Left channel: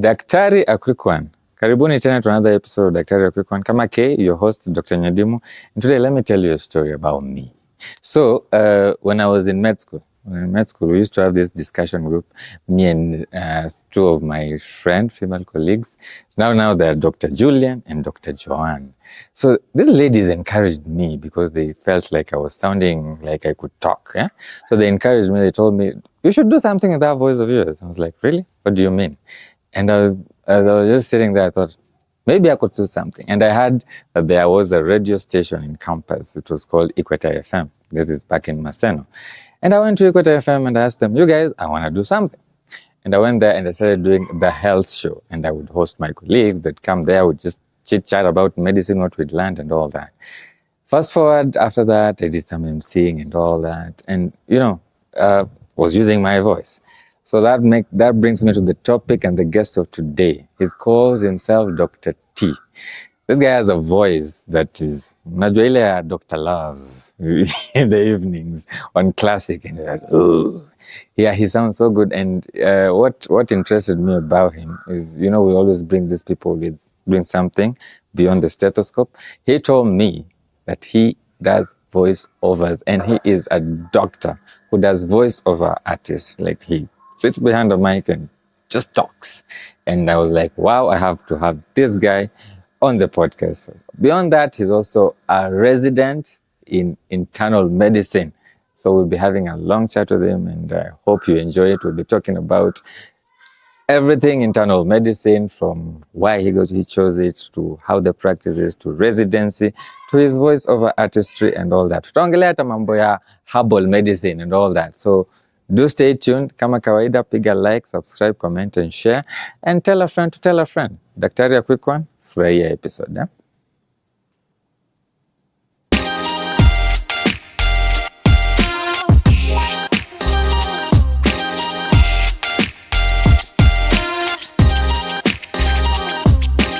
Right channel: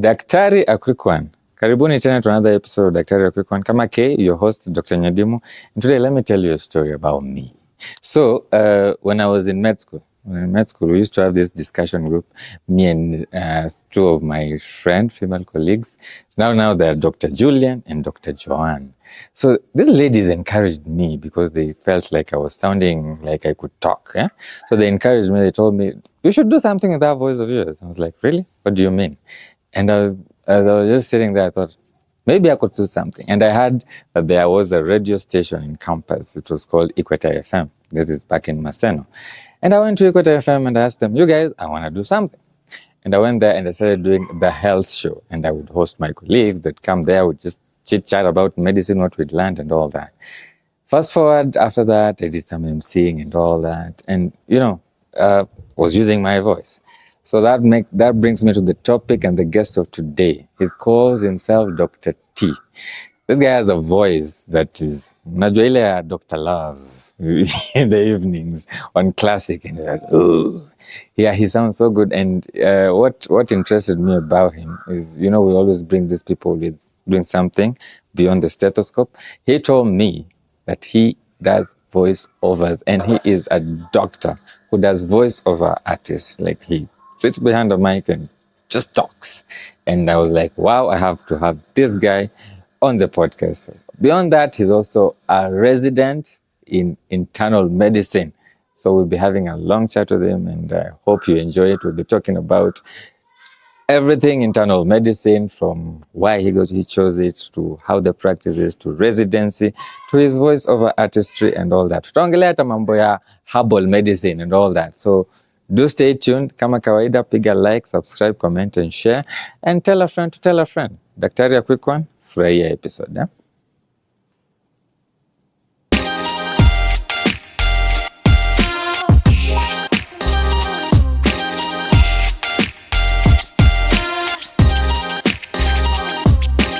Daktari, a quick one. Karibuni tena to another episode of Daktari, a quick one. Kama K, your host, Dr. Nyadimu. And today, let me tell you a story about me. So, when I was in med school, we used to have this discussion group, me and two of my female colleagues. Now they're Dr. Julian and Dr. Joanne. So these ladies encouraged me because they felt like I was sounding like I could talk. Yeah? So they encouraged me. They told me, you should do something with that voice of yours. I was like, really? What do you mean? And as I was just sitting there, I thought, maybe I could do something. And I heard that there was a radio station in campus. It was called Equator FM. This is back in Maseno. And I went to Equator FM and asked them, you guys, I want to do something. And I went there and I started doing the health show. And I would host my colleagues that come there, would just chit-chat about medicine, what we'd learned and all that. Fast forward, after that, I did some emceeing and all that. And, was using my voice. So that brings me to the topic and the guest of today. He calls himself Dr. T. This guy has a voice that is unajua ile Dr. Love in the evenings on classic, and you're like, oh, yeah, he sounds so good. And what interested me about him is, we always bring these people with doing something beyond the stethoscope. He told me that he does voiceovers, and he is a doctor who does voiceover artists. Like, he sits behind the mic and just talks. And I was like, wow, I have to have this guy on the podcast. Beyond that, he's also a resident in internal medicine. So we'll be having a long chat with him, and I hope you enjoy it. We'll be talking about everything internal medicine, from why he chose it, to how the practice is, to residency, to his voiceover artistry and all that. Tutaongelea hata mambo ya herbal medicine and all that. So do stay tuned. Kama kawaida, piga like, subscribe, comment and share, and tell a friend to tell a friend. Daktari, a quick one. Furahia episode. Yeah?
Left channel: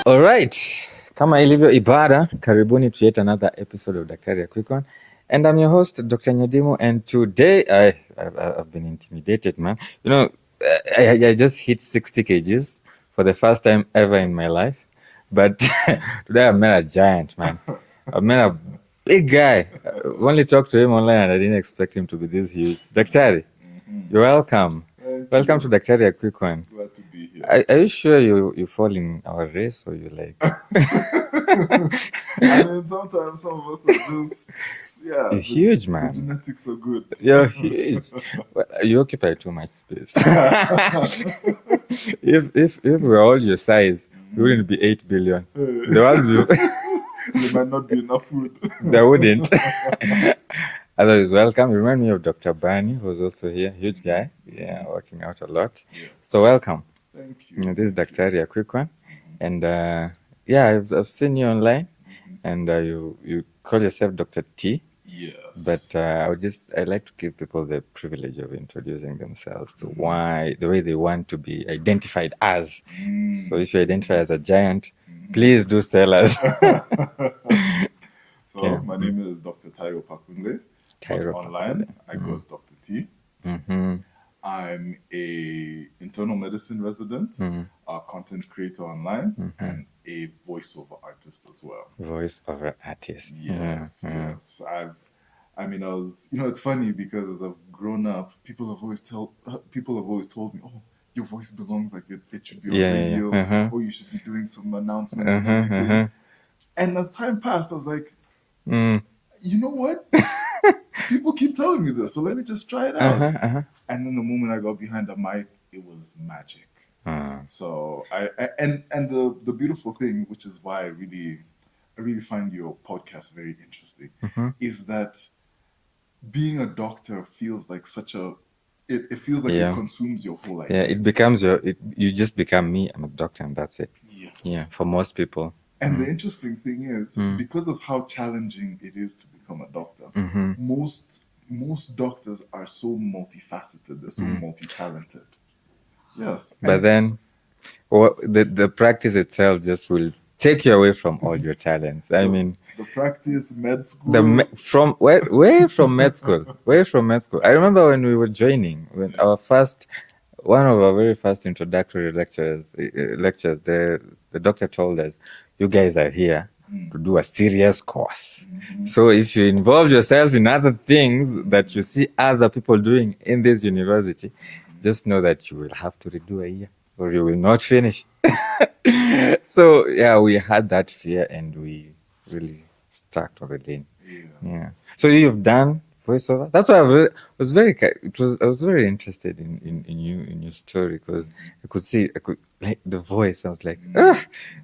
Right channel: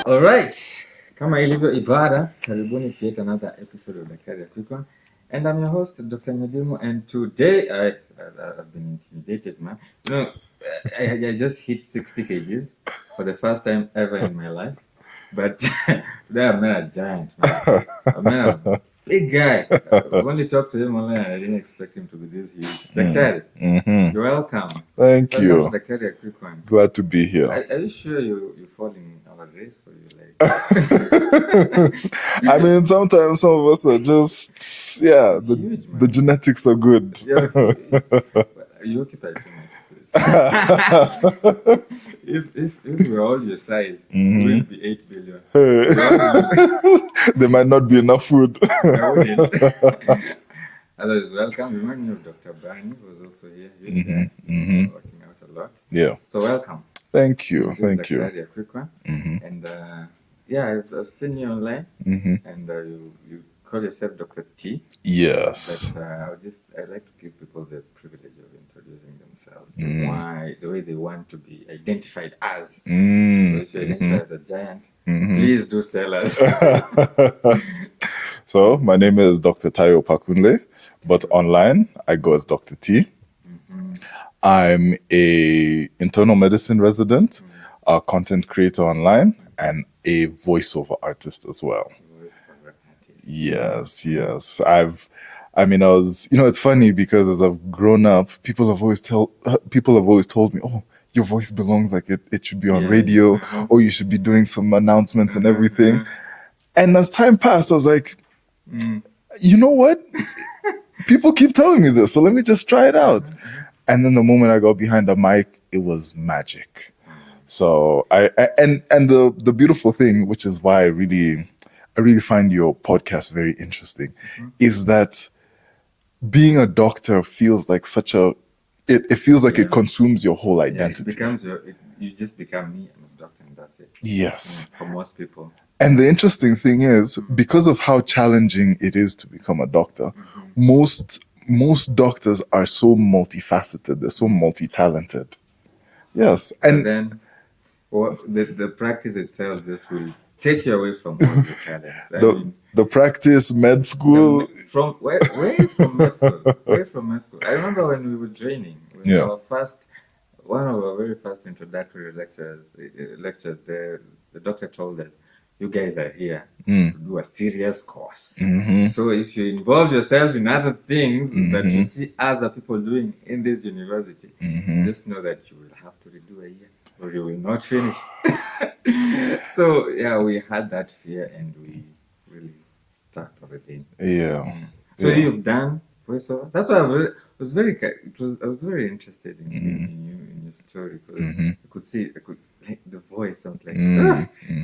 All right. Kama ilivyo ibada, karibuni to yet another episode of Daktari, a quick one. And I'm your host, Dr. Nyadimu, and today I've been intimidated, man. I just hit 60 kgs for the first time ever in my life. But today I met a giant, man. I met a big guy. I've only talked to him online and I didn't expect him to be this huge. Daktari, you're welcome. Thank you. Welcome to Daktari, a quick one. Glad to be here. Are you sure you fall in our race, or you like? I mean, sometimes some of us are just, huge, man. The genetics are good. Yeah, you occupy too much space. if we're all your size, it wouldn't be 8 billion. There might not be enough food. There wouldn't. Otherwise, welcome. Remind me of Dr. Barney, who's also here. Huge guy, working out a lot. Yeah. So welcome. Thank you. This is Daktari, a quick one. And I've seen you online, and you call yourself Dr. T. Yes. But I like to give people the privilege of introducing themselves to why, the way they want to be identified as. So if you identify as a giant, please do tell us. So my name is Dr. Opakunle, but online I go as Dr. T. I'm a internal medicine resident, a content creator online, and a voiceover artist as well. Voiceover artist. Yes. It's funny because as I've grown up, people have always told me, oh, your voice belongs, like it should be on radio, or you should be doing some announcements and everything. And as time passed, I was like, you know what? People keep telling me this, so let me just try it out. And then the moment I got behind the mic, it was magic. So the beautiful thing, which is why I really find your podcast very interesting, is that being a doctor feels like it feels like it consumes your whole identity. It becomes you just become me. I'm a doctor, and that's it. Yes. For most people. And the interesting thing is, because of how challenging it is to become a doctor, most doctors are so multifaceted. They're so multi-talented. Yes. And then the practice itself just will take you away from all your talents. I mean, the practice, med school. From where from med school? Where from med school? I remember when we were joining, our first one of our very first introductory lectures, the doctor told us, you guys are here to do a serious course. So if you involve yourself in other things that you see other people doing in this university, just know that you will have to redo a year or you will not finish. So yeah, we had that fear and we really stuck already. Yeah. So you've done voiceover. That's why I was very interested in your story because I could like the voice. I was like,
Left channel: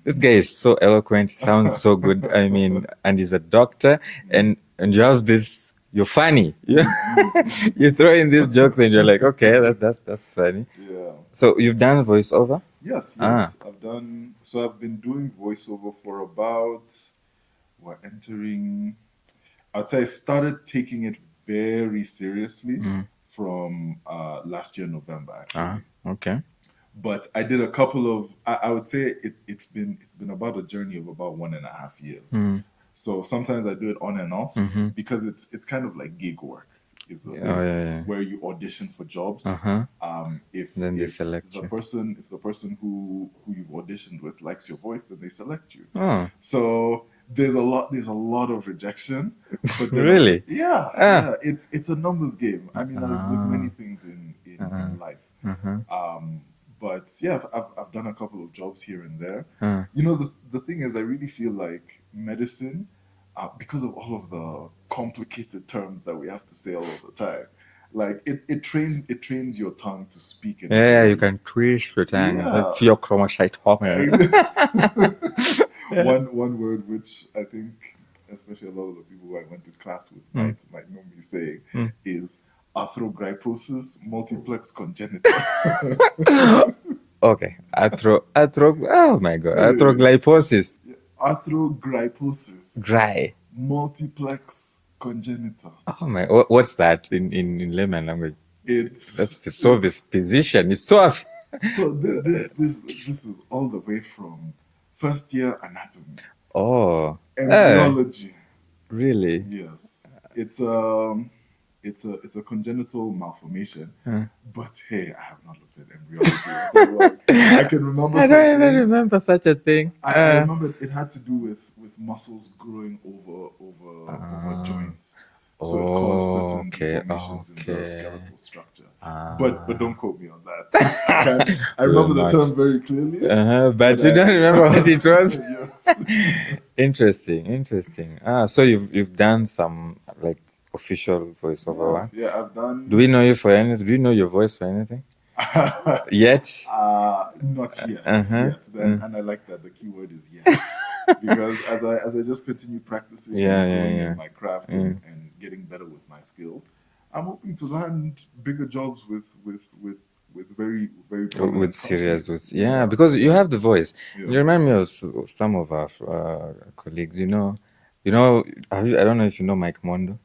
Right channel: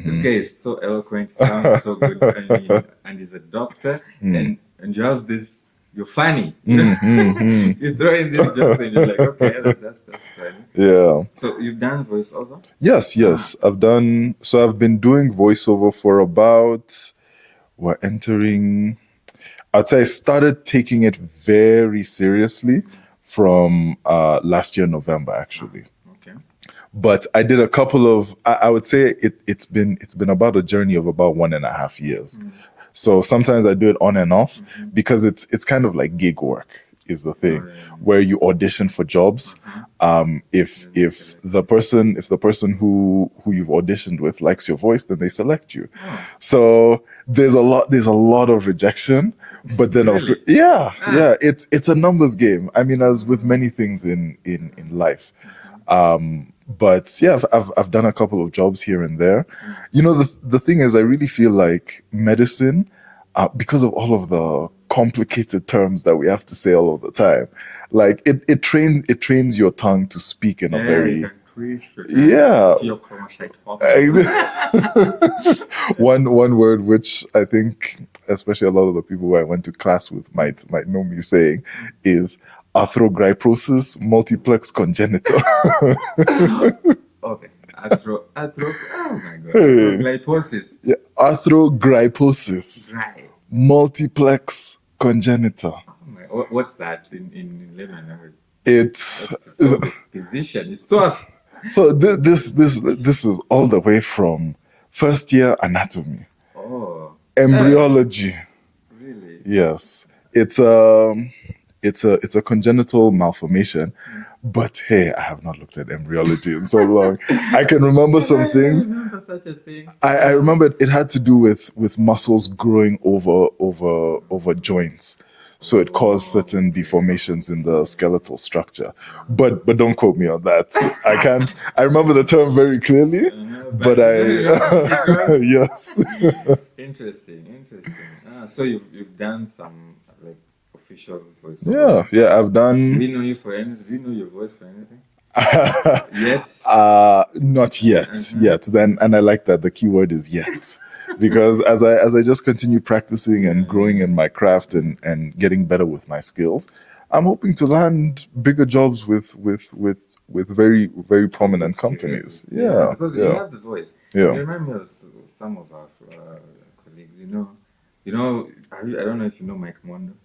this guy is so eloquent. Sounds so good. I mean, and he's a doctor, and you have this. You're funny. You throw in these jokes, and you're like, okay, that's funny. Yeah. So you've done voiceover? Yes. I've been doing voiceover for about, we're entering, I'd say I started taking it very seriously from last year, November, actually. Okay. But I did a couple of, I would say it's been about a journey of about 1.5 years. So sometimes I do it on and off because it's kind of like gig work is the thing where you audition for jobs. If the person who you've auditioned with likes your voice, then they select you. So there's a lot of rejection, but then Really? it's a numbers game. I mean, as with many things in life. But yeah, I've done a couple of jobs here and there. You know, the thing is, I really feel like medicine, because of all of the complicated terms that we have to say all of the time, like it trains your tongue to speak in a very, you can twist your tongue. one word which I think, especially a lot of the people who I went to class with might know me saying is arthrogryposis multiplex congenital. Okay. Oh my God. Arthroglyposis. Yeah, arthrogryposis. Multiplex congenital. Oh my, what's that in layman language? It's this physician is so. So this is all the way from first year anatomy. Oh. Embryology. Really? Yes. It's a congenital malformation, but hey, I have not looked at embryology in so long. I can remember some things. I remember such a thing. I remember it had to do with muscles growing over joints. So it caused certain deformations in the skeletal structure. But don't quote me on that. I can't. I remember the term very clearly. But you don't remember what it was? Yes. Interesting. So you've done some like official voiceover. Yeah, I've done. Do we know you for anything? Do you know your voice for anything? Yet? Not yet. Then, and I like that the key word is yet, because as I just continue practicing and growing in my craft and getting better with my skills, I'm hoping to land bigger jobs with very, very prominent companies. Because you have the voice. You remind me of some of our colleagues. You know. I don't know if you know Mike Mondo.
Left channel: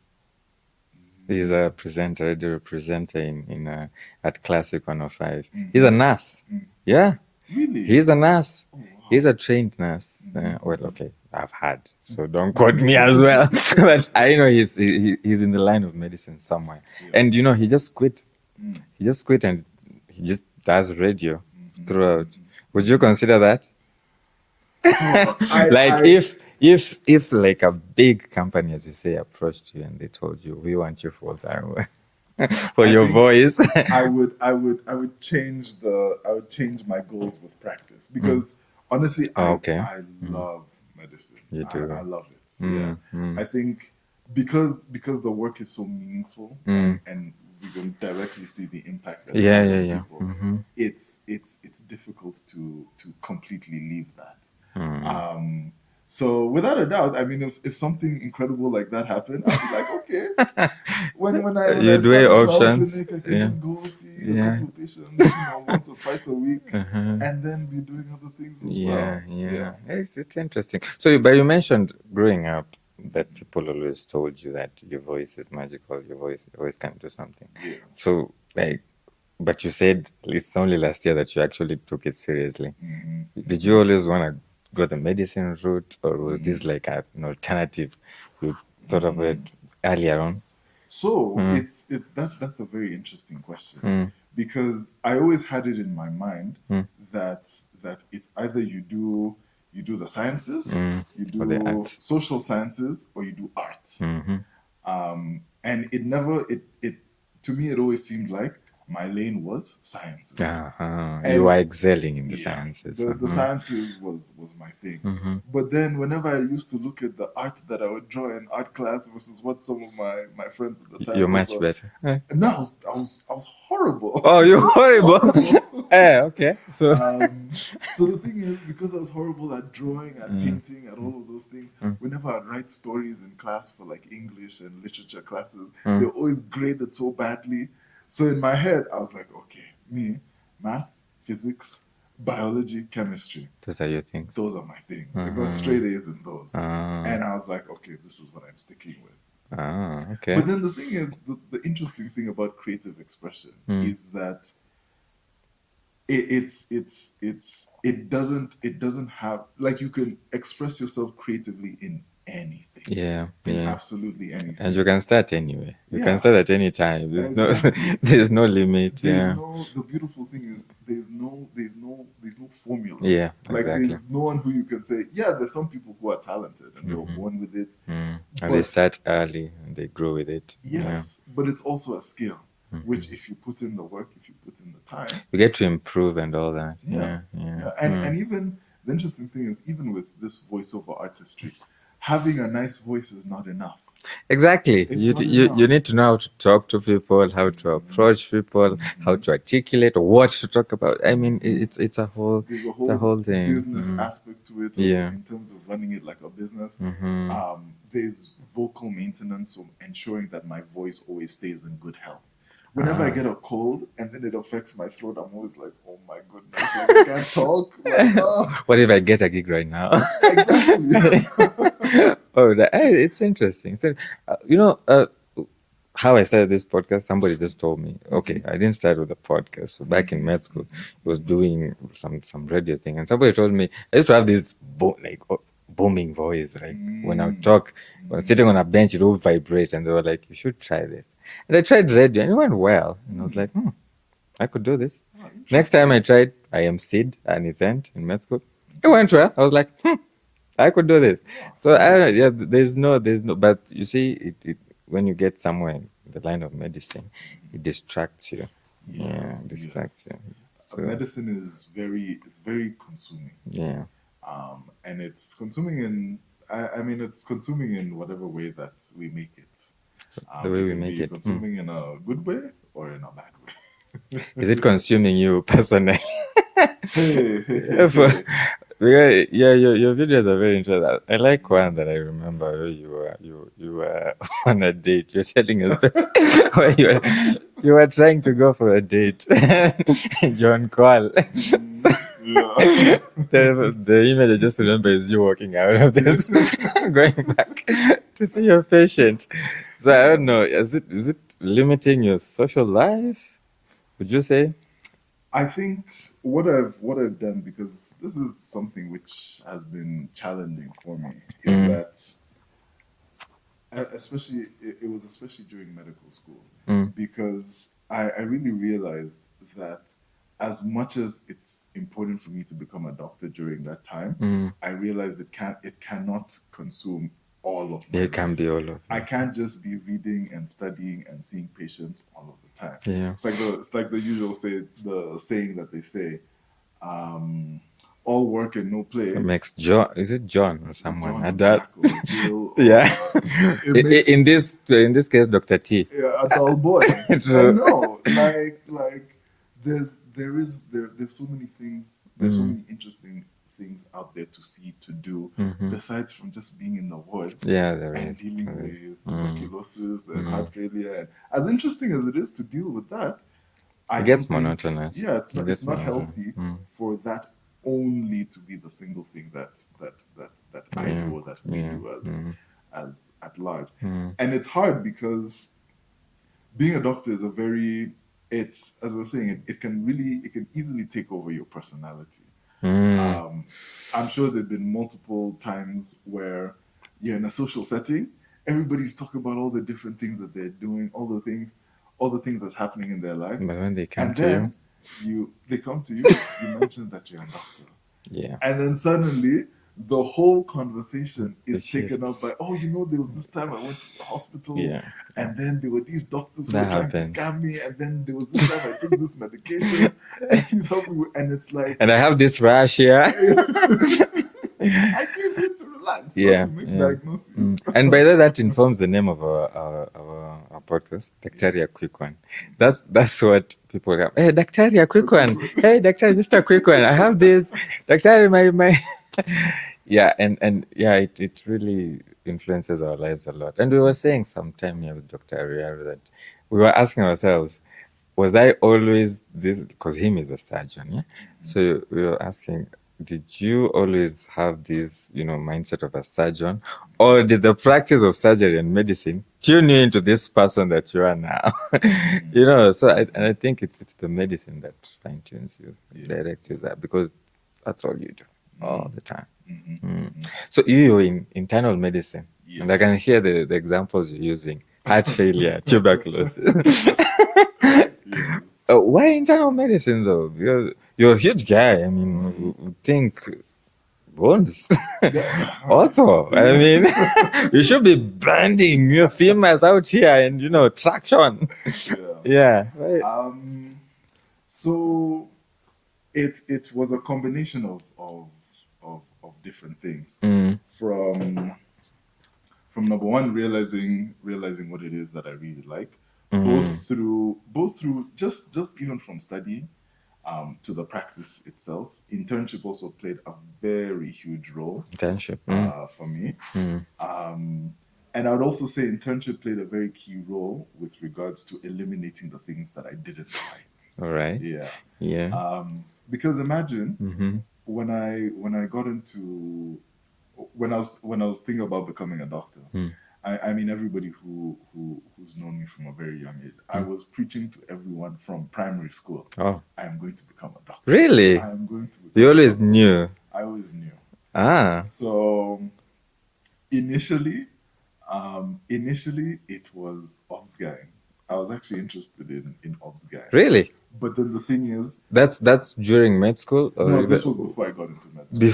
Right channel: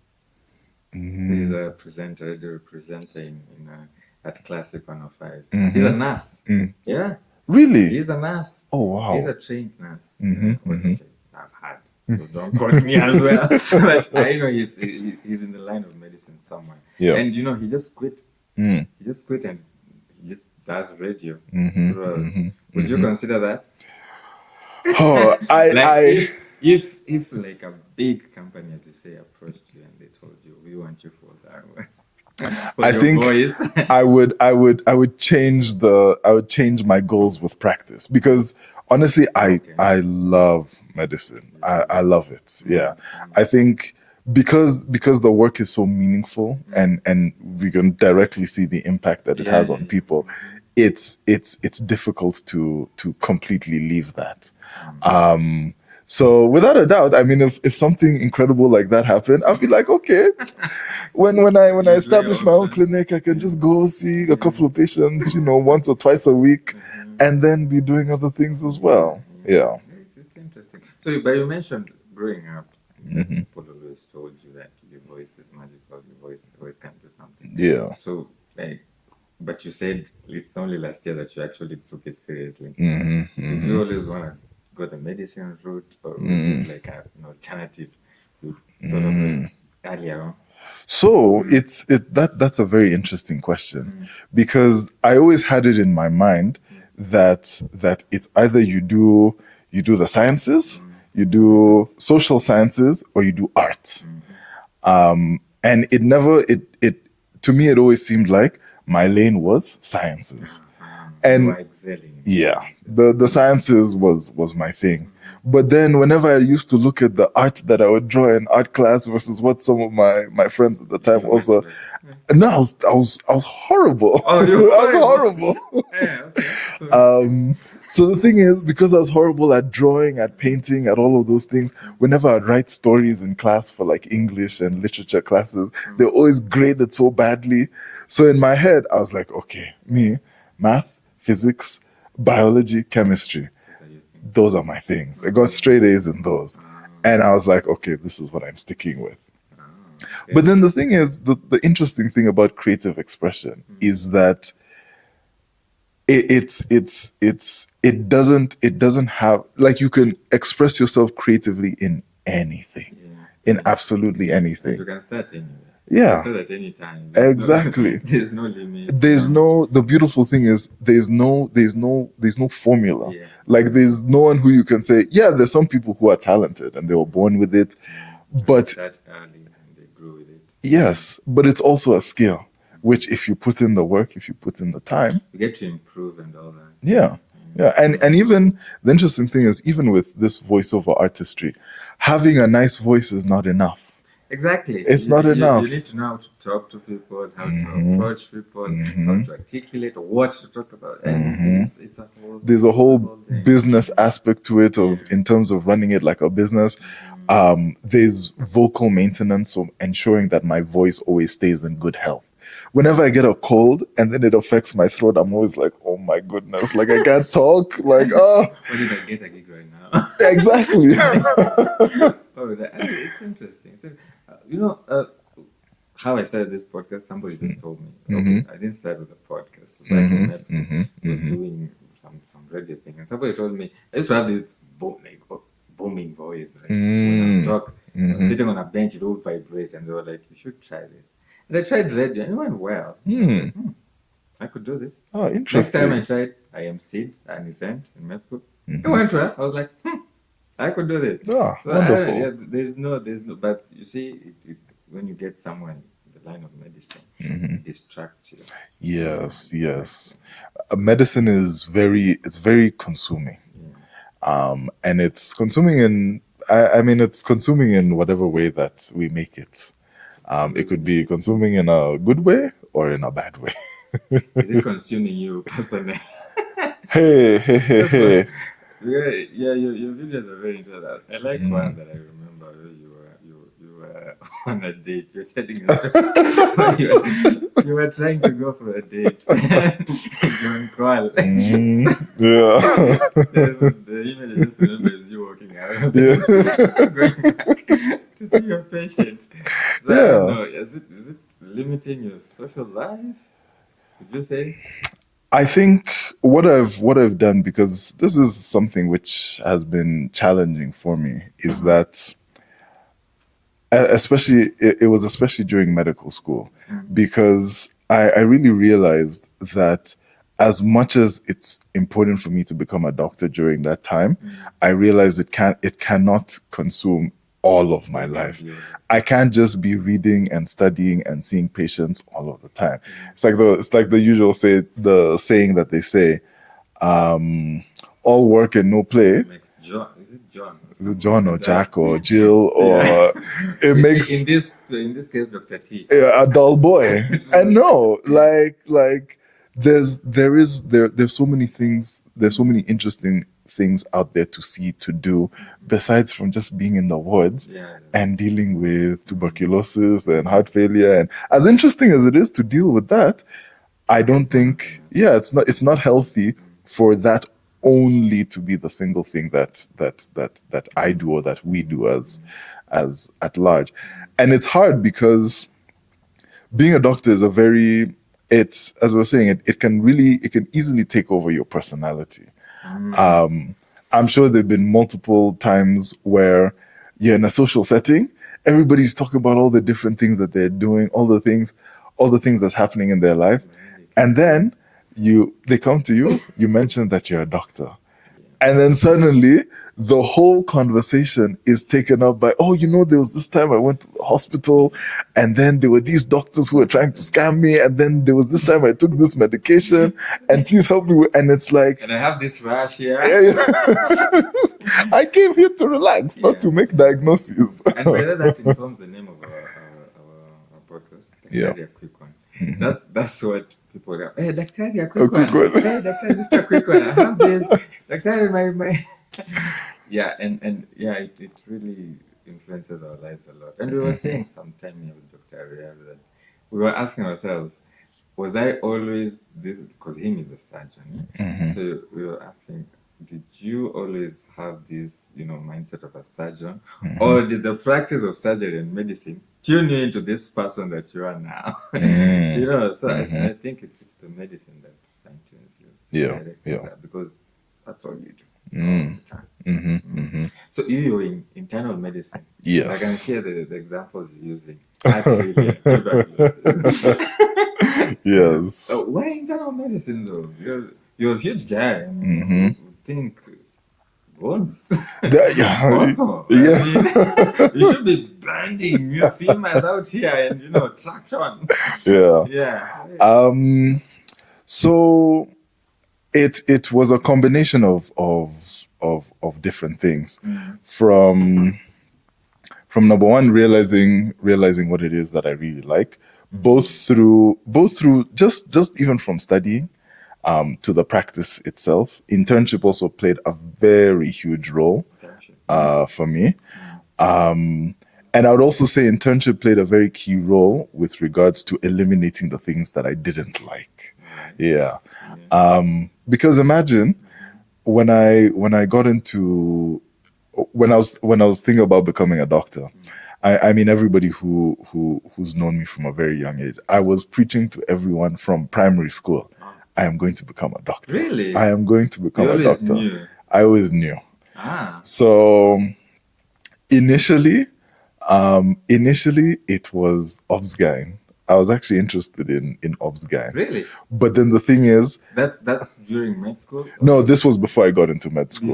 He's a radio presenter in at Classic 105. He's a nurse. Yeah. Really? He's a nurse. Oh, wow. He's a trained nurse. Okay, I've had, so don't quote me as well. But I know he's in the line of medicine somewhere. Yeah. And he just quit. He just quit and he just does radio throughout. Would you consider that? Oh, if like a big company, as you say, approached you and they told you, we want you full time for your voice, I would change my goals with practice, because honestly, I love medicine. I love it. I think because the work is so meaningful and we can directly see the impact that it has on people, it's difficult to completely leave that. So without a doubt, I mean, if something incredible like that happened, I'll be like, okay. When I start my own clinic, I can just go see a couple of patients, once or twice a week, and then be doing other things as well. Yeah. It's interesting. So, but you mentioned growing up that people always told you that your voice is magical, your voice can do something. Yeah. So, but you said it's only last year that you actually took it seriously. Did you always want to go the medicine route, or was this like an alternative you thought of it earlier on? So that's a very interesting question because I always had it in my mind that it's either you do the sciences, you do social sciences, or you do art. And it never it to me it always seemed like my lane was sciences. And you were excelling in the sciences. The sciences was my thing. But then whenever I used to look at the art that I would draw in art class versus what some of my friends at the time also, no, I was horrible. Oh, you're horrible. Okay. So the thing is, because I was horrible at drawing, at painting, at all of those things, whenever I'd write stories in class for like English and literature classes, they always graded so badly. So in my head, I was like, okay, me, math, physics, biology, chemistry. Those are your things. Those are my things. I got straight A's in those. And I was like, okay, this is what I'm sticking with. Okay. But then the thing is, the interesting thing about creative expression is that it doesn't have, like, you can express yourself creatively in anything. In absolutely anything. And you can start anywhere. Yeah. You can start at any time. Exactly. There's no limit. The beautiful thing is there's no formula. Like exactly. There's no one who you can say, there's some people who are talented and they were born with it. But they start early and they grow with it. Yes, but it's also a skill. Which, if you put in the work, if you put in the time, you get to improve and all that. And even the interesting thing is, even with this voiceover artistry, having a nice voice is not enough. Exactly. It's not enough. You need to know how to talk to people, how to approach people, how to articulate, or what to talk about. I mean, it's a whole. There's a whole business aspect to it, in terms of running it like a business. There's vocal maintenance, so ensuring that my voice always stays in good health. Whenever I get a cold and then it affects my throat, I'm always like, oh my goodness, like I can't talk. Like, what if I get a gig right now? Exactly. It's interesting. So, how I started this podcast, somebody just told me, okay, I didn't start with a podcast. So back in med school, I was doing some radio thing. And somebody told me, I used to have this booming voice, right? When I would talk, sitting on a bench, it would vibrate, and they were like, "You should try this." And I tried radio, and it went well. I was like, I could do this. Oh, interesting. Next time I tried, I emceed an event in med school. It went well. I was like, I could do this. So there's no. But you see, when you get somewhere in the line of medicine, it distracts you. Yes. Medicine is very consuming. And it's consuming in, it's consuming in whatever way that we make it. It could be consuming in a good way or in a bad way. Is it consuming you personally? Hey. Your videos are very interesting. I like one that I remember where you were on a date. You're telling us you were trying to go for a date. John Call. The image I just remember is you walking out of this, going back to see your patient. So I don't know. Is it limiting your social life? Would you say? I think what I've done, because this is something which has been challenging for me, is that it was especially during medical school, because I really realized that as much as it's important for me to become a doctor during that time, I realized it cannot consume all of my life. I can't just be reading and studying and seeing patients all of the time. It's like the usual saying that they say, all work and no play makes John. Is it John? Is it John or Jack or Jill or it makes in this case Dr. T a dull boy. I know, like there's so many things. There's so many interesting things out there to see, to do, besides from just being in the wards and dealing with tuberculosis and heart failure. And as interesting as it is to deal with that, I don't think it's not healthy for that only to be the single thing that I do or that we do as at large. And it's hard because being a doctor is as we were saying, it can easily take over your personality. I'm sure there've been multiple times where you're in a social setting everybody's talking about all the different things that they're doing, all the things that's happening in their life. But when they come And to then they come to you, you mention that you're a doctor. Yeah. And then suddenly the whole conversation is taken up by, oh, there was this time I went to the hospital and then there were these doctors who were trying to scam me. And then there was this time I took this medication and please help me. And it's like, and I have this rash here. I came here to relax, not to make diagnoses. And by that informs the name of our podcast, Daktari, a quick one. That's what people go, hey, Daktari, a quick one. Hey, Daktari, just a quick one. I have this. Daktari, my it really influences our lives a lot. And we were saying sometime here with Dr. Ariel that we were asking ourselves, was I always this? Because him is a surgeon, yeah? So we were asking, did you always have this, mindset of a surgeon? Or did the practice of surgery and medicine tune you into this person that you are now? So I think it's the medicine that fine-tunes you, directs you that, because that's all you do all the time. So you're in internal medicine. Yes. I can hear the examples you're using. Heart failure, tuberculosis. Yes. Why internal medicine though? You're a huge guy. I mean, think bones. Ortho. I mean, you should be branding your females out here and traction. Yeah. So it was a combination of different things. From number one, realizing what it is that I really like, both through just even from studying to the practice itself. Internship also played a very huge role for me. And I would also say internship played a very key role with regards to eliminating the things that I didn't like. All right. Yeah. Because imagine when I got into when I was thinking about becoming a doctor. I mean, everybody who's known me from a very young age, I was preaching to everyone from primary school. I am going to become a doctor. Really? I am going to become a doctor. You always knew? I always knew. So initially it was obs-gyn. I was actually interested in obs-gyn. Really? But then the thing is... That's during med school? No, this was before I got into med school.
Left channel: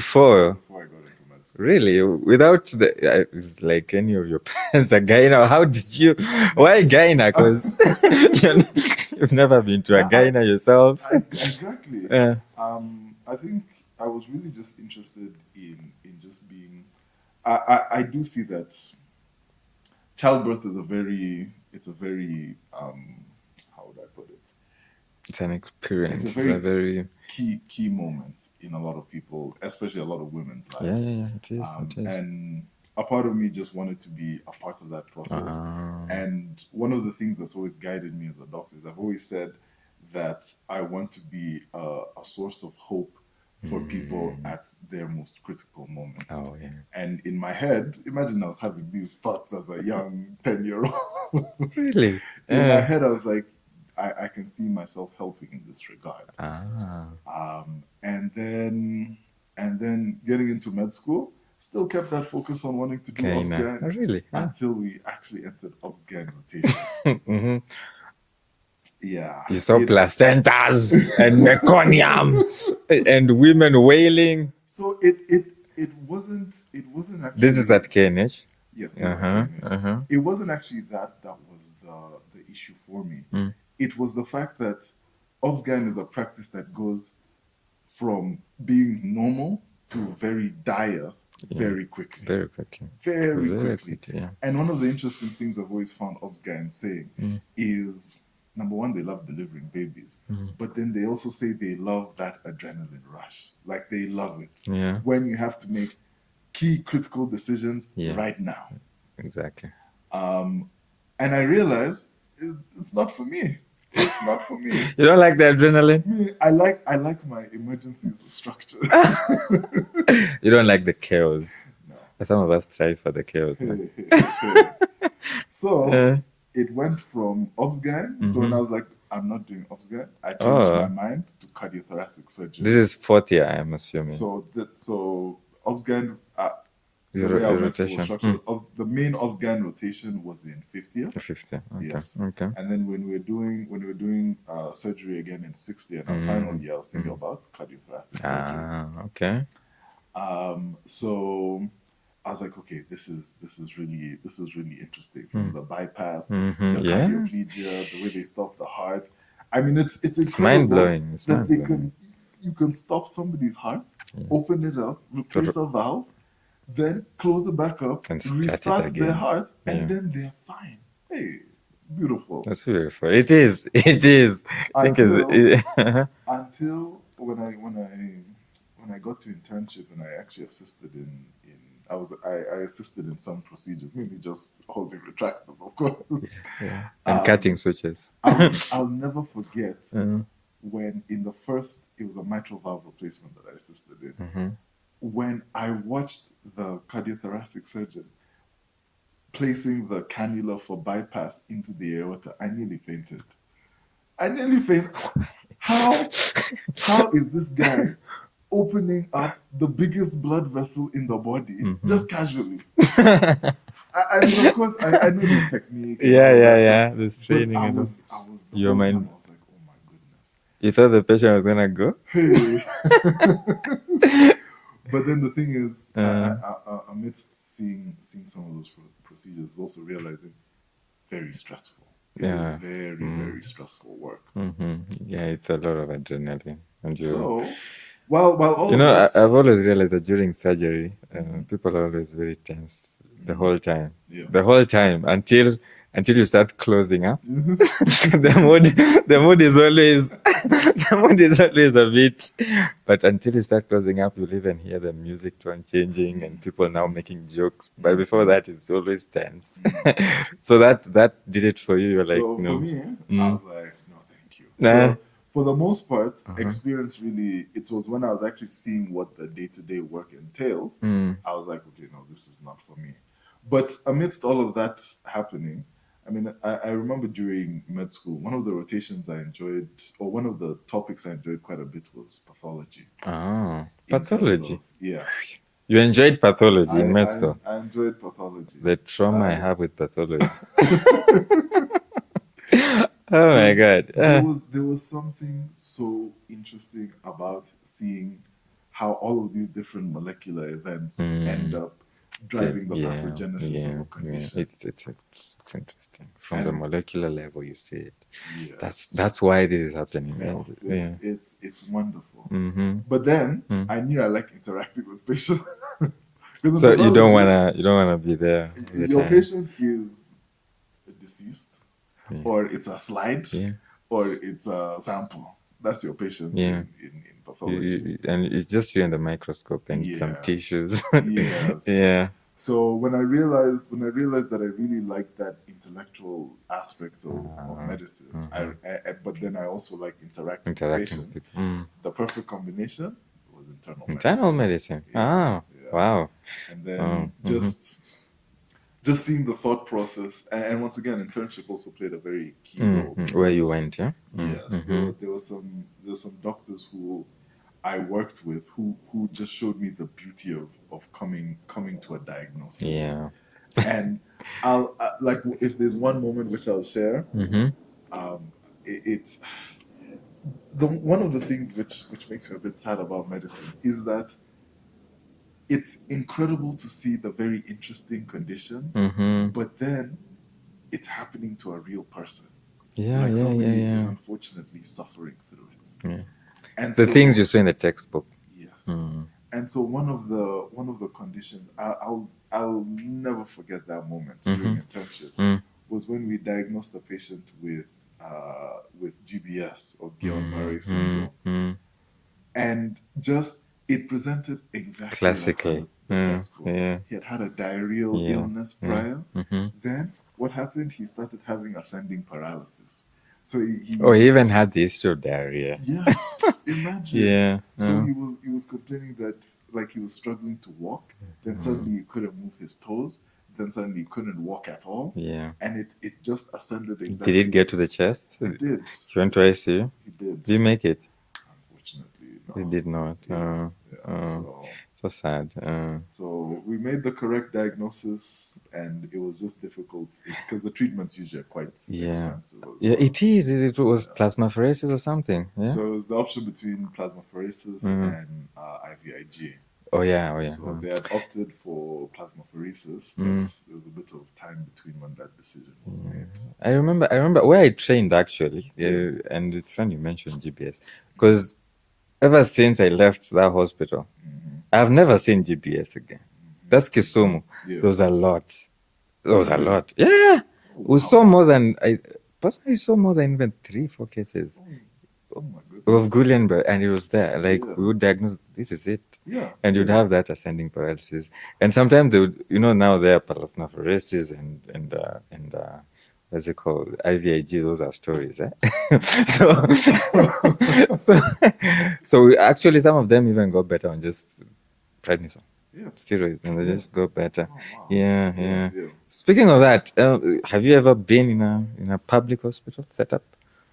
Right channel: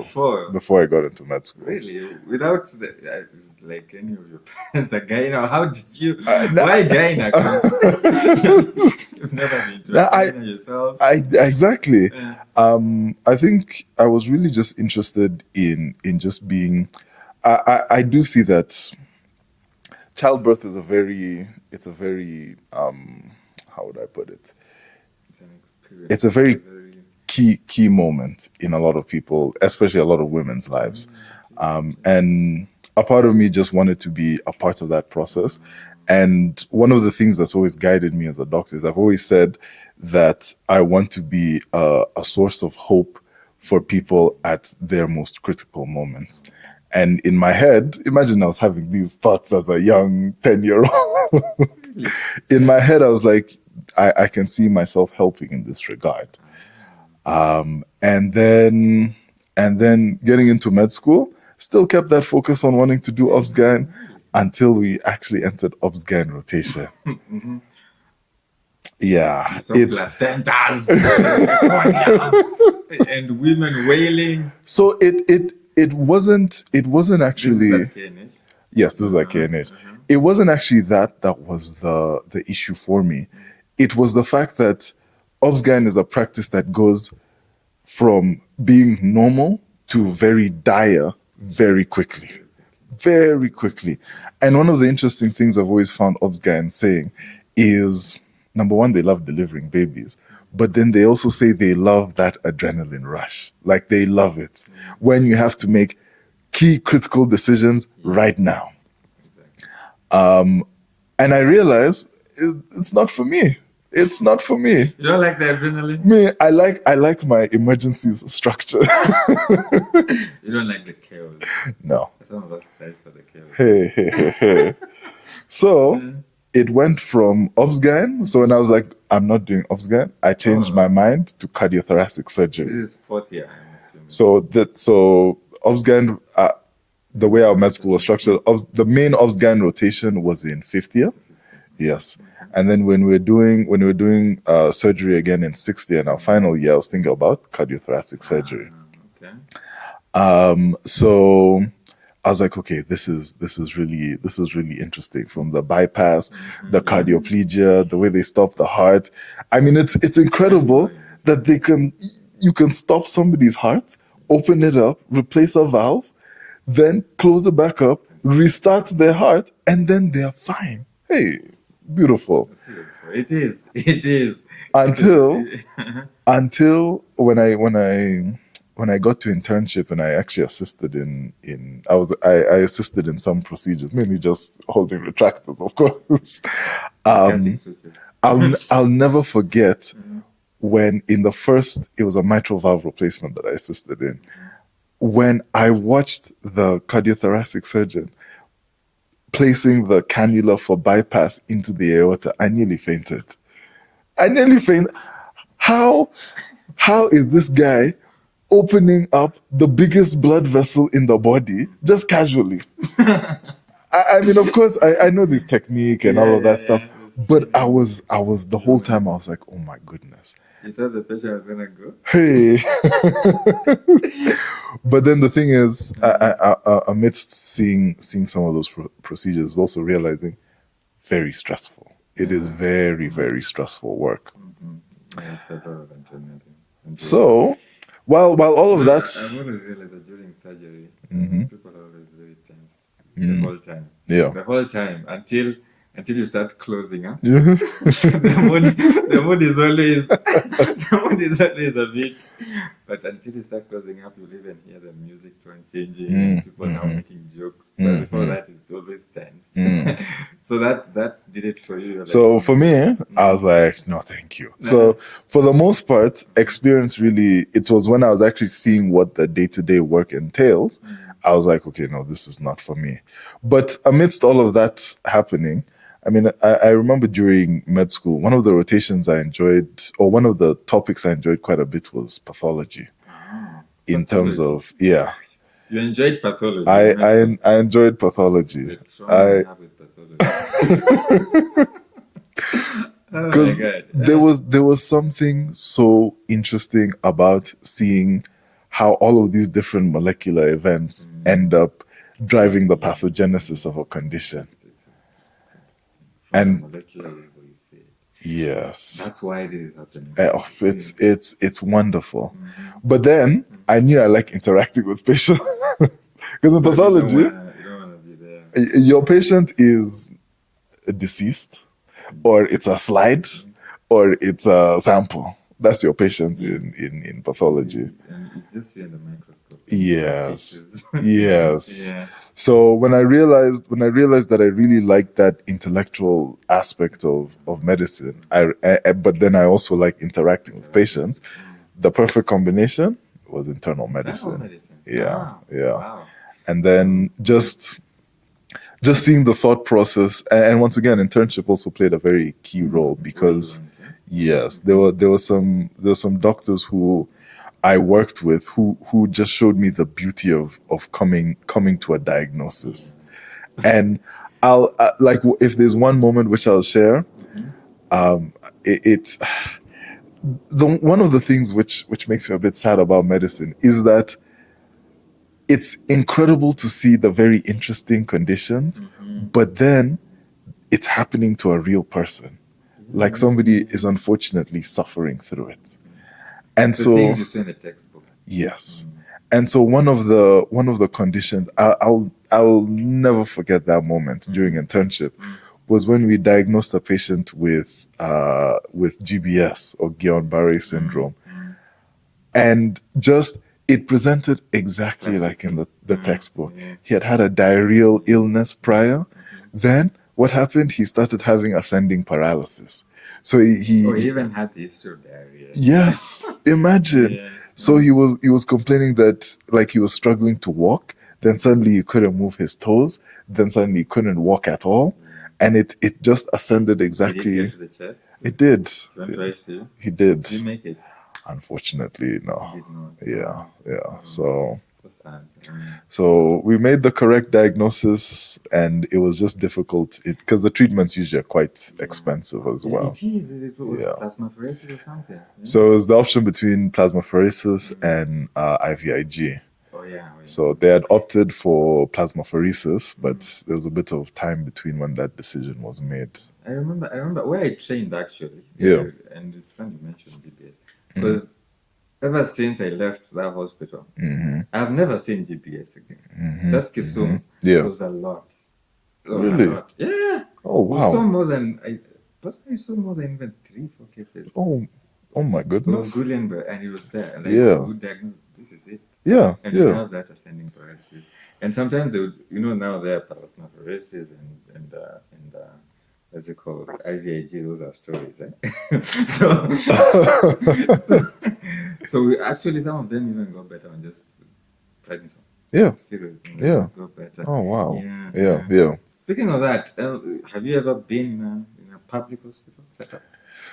Before I got into med school. Really? Without like any of your parents a gyna? How did you... Why gyna? Because you've never been to a gyna yourself. Exactly. I think I was really just interested in just being... I do see that childbirth is a very how would I put it? It's an experience. It's a very key moment in a lot of people, especially a lot of women's lives. And a part of me just wanted to be a part of that process. And one of the things that's always guided me as a doctor is I've always said that I want to be a source of hope for people at their most critical moments. And in my head, imagine I was having these thoughts as a young 10-year-old. Really? In my head, I was like, I can see myself helping in this regard. And then getting into med school, still kept that focus on wanting to do obs-gyn until we actually entered obs-gyn rotation. Yeah. You saw placentas and meconium and women wailing. So it wasn't actually... This is at KNH? Yes, this is at KNH. It wasn't actually that was the issue for me. It was the fact that obs-gyn is a practice that goes from being normal to very dire very quickly. Very quickly. Yeah. And one of the interesting things I've always found obs-gyn saying is... Number one, they love delivering babies, but then they also say they love that adrenaline rush. Like they love it when you have to make key critical decisions right now. Exactly. And I realized it's not for me. It's not for me. You don't like the adrenaline? Me, I like my emergencies structure. You don't like the chaos? No. Some of us try for the chaos. Hey. So... It went from obs-gyn. So when I was like, I'm not doing obs-gyn, I changed my mind to cardiothoracic surgery. This is fourth year, I'm assuming. So obs-gyn, the way our med school was rotation. structured, the main obs-gyn rotation was in fifth year. 50. Okay. Yes. Okay. And then when we were doing surgery again in sixth year, in our final year, I was thinking about cardiothoracic surgery. Okay. So I was like, okay, this is really interesting. From the bypass, the cardioplegia, the way they stop the heart. I mean, it's incredible that you can stop somebody's heart, open it up, replace a valve, then close it back up, restart their heart, and then they're fine. Hey, beautiful. That's beautiful. It is. It is. Until when I got to internship and I actually assisted I assisted in some procedures, mainly just holding retractors, of course. Cutting switches. I'll never forget when it was a mitral valve replacement that I assisted in. When I watched the cardiothoracic surgeon placing the cannula for bypass into the aorta, I nearly fainted. How is this guy opening up the biggest blood vessel in the body just casually? I mean, of course, I know this technique and all of that stuff, but I was the whole time I was like, oh my goodness. You thought the patient was gonna go? Hey. But then the thing is, amidst seeing some of those procedures, also realizing very stressful. It is very, very stressful work. Yeah, it's a lot of adrenaline. So, while all of that, I've always realized that during surgery, people are always very tense the whole time. Yeah, the whole time until you start closing up. the mood is always a bit, but until you start closing up, you'll even hear the music tone changing and people now making jokes. But before that, it's always tense. So that did it for you. So for me, I was like, no, thank you. So for the most part, experience really, it was when I was actually seeing what the day-to-day work entails. I was like, okay, no, this is not for me. But amidst all of that happening, I mean, I remember during med school, one of the rotations I enjoyed, or one of the topics I enjoyed quite a bit was pathology. In terms of, You enjoyed pathology in med school? I enjoyed pathology. The trauma I have with pathology. Oh my God. There was something so interesting about seeing how all of these different molecular events end up driving the pathogenesis of a condition. It's interesting. From the molecular level, you see it. Yes. That's why this is happening. It's wonderful. But then I knew I like interacting with patients. Because so you don't wanna be there. Your patient is deceased, or it's a slide, or it's a sample. That's your patient in pathology. And it's just you in the microscope and some tissues. Yes. Yeah. So when I realized that I really liked that intellectual aspect of medicine, but then I also like interacting with patients, the perfect combination was internal medicine. Internal medicine. Yeah. Wow. And then just seeing the thought process, and once again, internship also played a very key role because where you went, yes, there were some doctors who I worked with who just showed me the beauty of coming to a diagnosis. And I'll like, if there's one moment which I'll share, it's one of the things which makes me a bit sad about medicine is that it's incredible to see the very interesting conditions, but then it's happening to a real person. Somebody is unfortunately suffering through it. And the things you say in the textbook. Yes. And so one of the conditions, I'll never forget that moment during internship, was when we diagnosed a patient with GBS, or Guillain-Barré syndrome. And just, it presented exactly like in the textbook. He had a diarrheal illness prior. Then what happened? He started having ascending paralysis. So he even had the history of diarrhea. Yes, imagine. So he was complaining that, like, he was struggling to walk. Then suddenly he couldn't move his toes. Then suddenly he couldn't walk at all. And it just ascended exactly. Did it get to the chest? It did. He went to ICU? He did. Did you make it? Unfortunately, no. He did not. So So sad. So we made the correct diagnosis, and it was just difficult because the treatments usually are quite expensive as well. It is. It was plasmapheresis or something. Yeah? So it was the option between plasmapheresis and IVIG. Oh yeah. So they had opted for plasmapheresis, but there was a bit of time between when that decision was made. I remember where I trained actually. And it's funny you mentioned GPS because ever since I left that hospital, I've never seen GPS again. That's Kisumu. There was a lot. There was a lot. Yeah. Oh, wow. We saw more than I saw more than even 3-4 cases. Oh my goodness. Of Guillain-Barré, and it was there. Like we would diagnose, this is it. Yeah. And you'd have that ascending paralysis. And sometimes they would, now there are plasmapheresis and what's it called? IVIG, those are stories. So we actually, some of them even got better on just prednisone. Yeah. Steroids, and they just got better. Oh wow. Yeah. Speaking of that, have you ever been in a public hospital setup?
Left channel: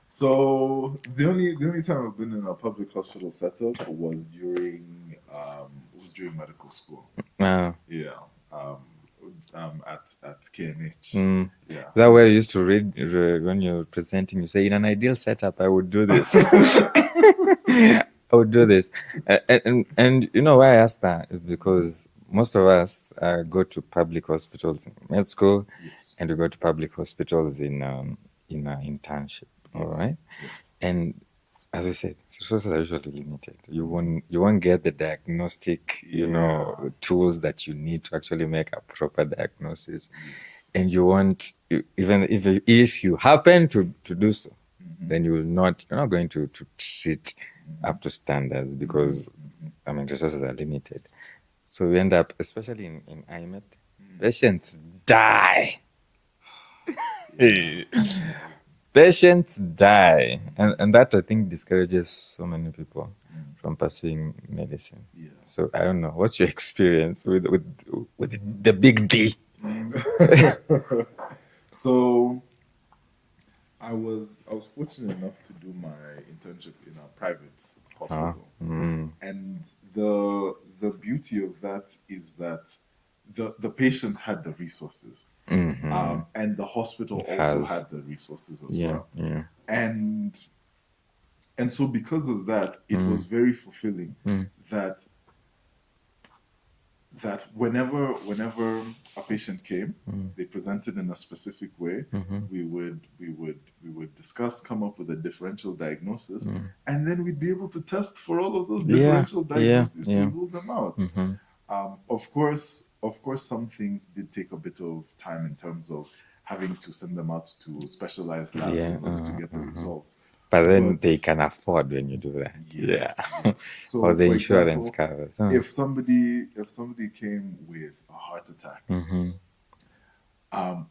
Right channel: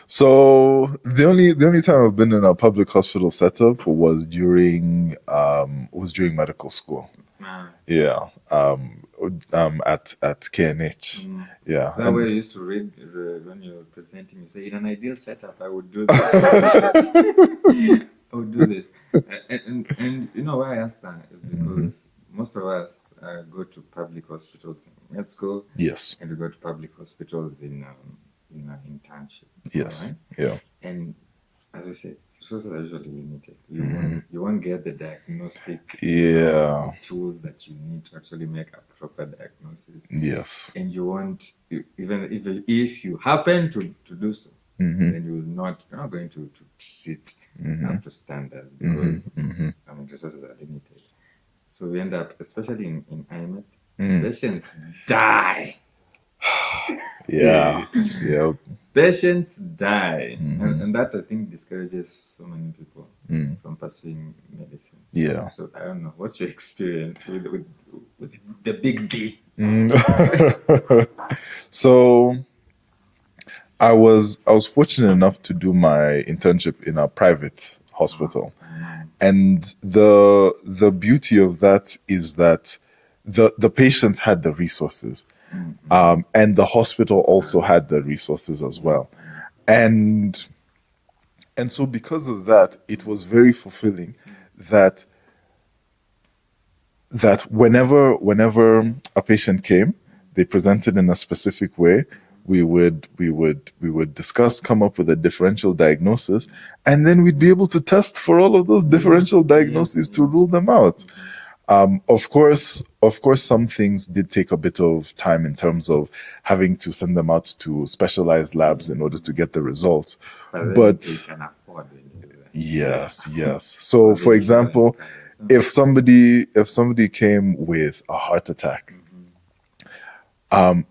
So the only time I've been in a public hospital setup was during medical school. Yeah. At KNH. Yeah. That way you used to read when you're presenting, you say, in an ideal setup, I would do this. I would do this. And you know why I ask that is because most of us go to public hospitals in med school. Yes. And we go to public hospitals in internship. Yes. Right? Yeah. And as we said, resources are usually limited. You won't get the diagnostic tools that you need to actually make a proper diagnosis. Yes. And you won't, even if you happen to do so, then you're not going to treat up to standards because resources are limited. So we end up, especially in IMED, patients die. Yeah. Patients die. And that, I think, discourages so many people from pursuing medicine. Yeah. So I don't know. What's your experience with the big D? So I was fortunate enough to do my internship in a private hospital. And the beauty of that is that the patients had the resources. And the hospital also had the resources as well. And so because of that, it was very fulfilling that whenever a patient came, they presented in a specific way, we would discuss, come up with a differential diagnosis, and then we'd be able to test for all of those differential diagnoses to rule them out. Of course, some things did take a bit of time in terms of having to send them out to specialized labs in order to get the results. But they can afford when you do that. Yes. So, for example, if somebody came with a heart attack,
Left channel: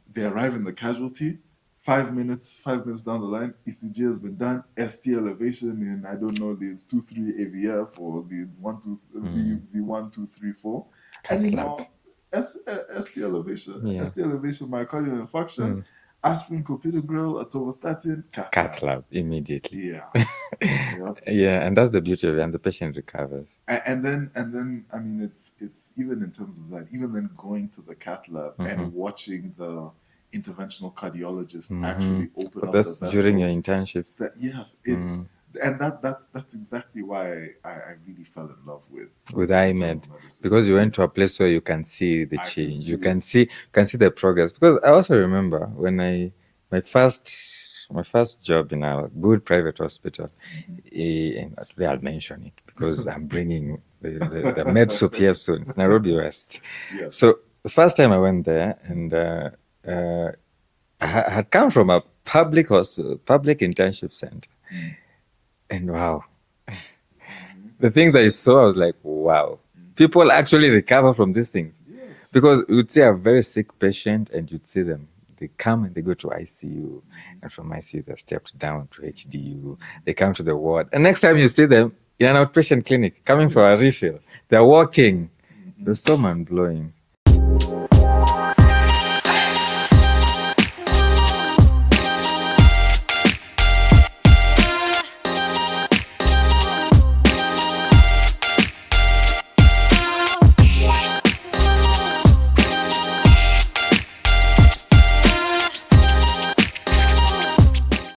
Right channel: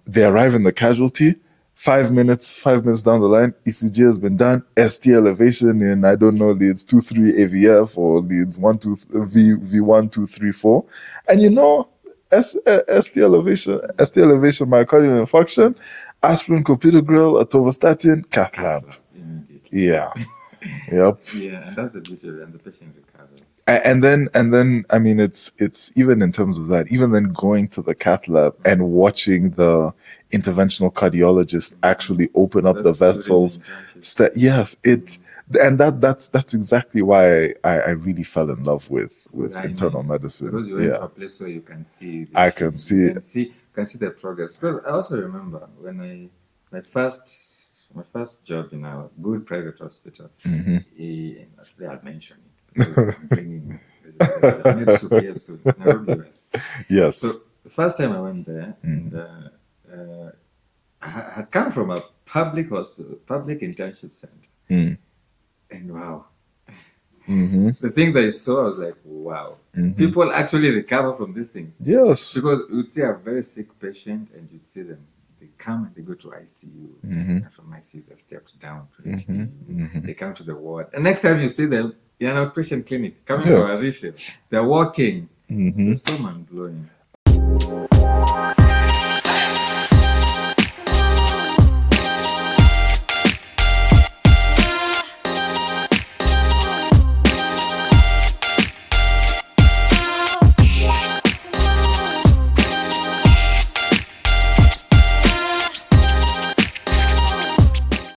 they arrive in the casualty. 5 minutes down the line, ECG has been done, ST elevation in, I don't know, leads 2-3 AVF or leads V1-2-3-4. And ST elevation myocardial infarction, aspirin, clopidogrel, atorvastatin, cath lab immediately. Yeah. Yep. Yeah, and that's the beauty of it, and the patient recovers. And then I mean, it's even in terms of that, even then going to the cath lab and watching the interventional cardiologist actually open up the vessels. During your internship. Yes, and that's exactly why I really fell in love with internal medicine, because you went to a place where you can see the change. You can see the progress. Because I also remember when my first job in a good private hospital, and actually I'll mention it because I'm bringing the med soup here soon. It's Nairobi West. Yes. So the first time I went there, and I had come from a public hospital, public internship center, and wow. The things I saw, I was like, wow. People actually recover from these things. Yes. Because you'd see a very sick patient and you'd see them. They come and they go to ICU. And from ICU, they're stepped down to HDU. They come to the ward. And next time you see them in an outpatient clinic, coming for a refill, they're walking. It's so mind-blowing.